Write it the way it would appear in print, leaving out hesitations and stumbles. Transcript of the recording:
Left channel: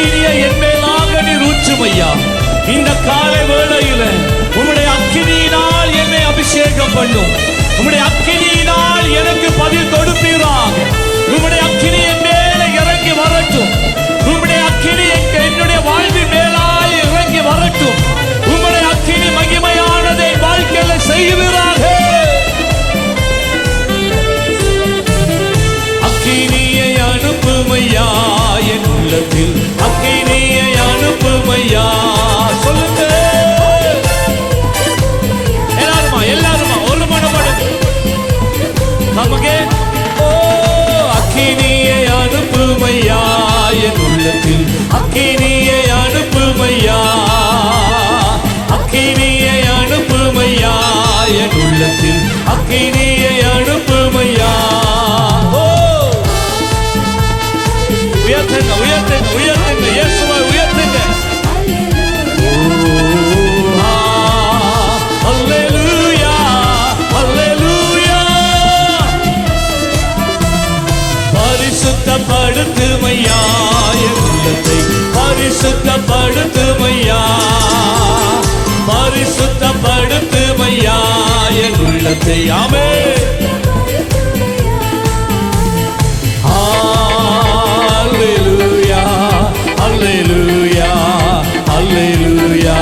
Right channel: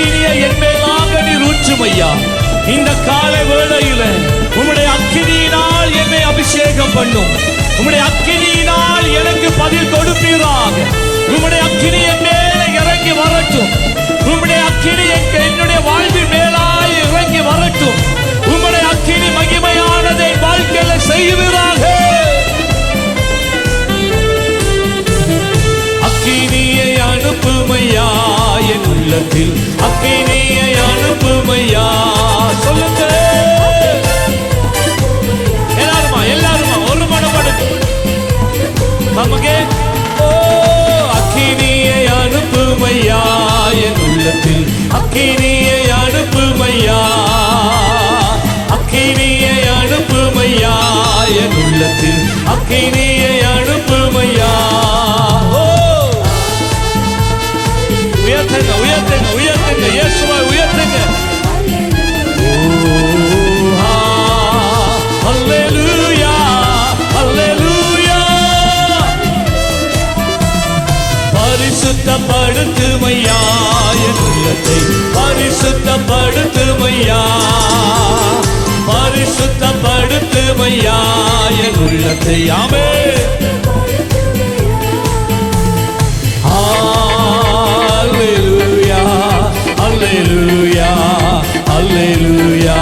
அக்கினியை என் மேலாக நீர் ஊற்றும் ஐயா. இந்த காலை வேளையில உம்முடைய அக்கினியினால் என்னை அபிஷேகம் பண்ணும். உம்முடைய அக்கினியினால் எனக்கு பதில் கொடுப்பீராக. உம்முடைய அக்கினி என் மேலே இறங்கி வரட்டும். உம்முடைய அக்கினி என்னுடைய வாழ்வின் மேலாய் இறங்கி வரட்டும். உம்முடைய அக்கினி மகிமையானதை என் வாழ்க்கையில செய்வீராக. அக்கினியை அனுப்புமையா என் உள்ளத்தில், அக்கினியை அனுப்புமையா. சொல்லுங்க எல்லாருமா ஒரு மனப்படு. Come again. ஓ அக்கினியை அனுப்புமையா என் உள்ளத்தில், அக்கினியை அனுப்புமையா, அக்கினியை அனுப்புமையா என் உள்ளத்தில், அக்கினியை அனுப்புமையா. ஓ உயர்த்துங்க உயர்த்துங்க உயர்த்துங்க, இயேசுவை உயர்த்துங்க. ஓ ஹல்லேலூயா ஹல்லேலூயா. பரிசுத்தப்படுத்துமையா என் உள்ளத்தை, பரிசுத்தப்படுத்துமையா, பரிசுத்தப்படுத்துமையா என் உள்ளத்தை. ஆமென். ஹல்லேலூயா ஹல்லேலூயா ஹல்லேலூயா.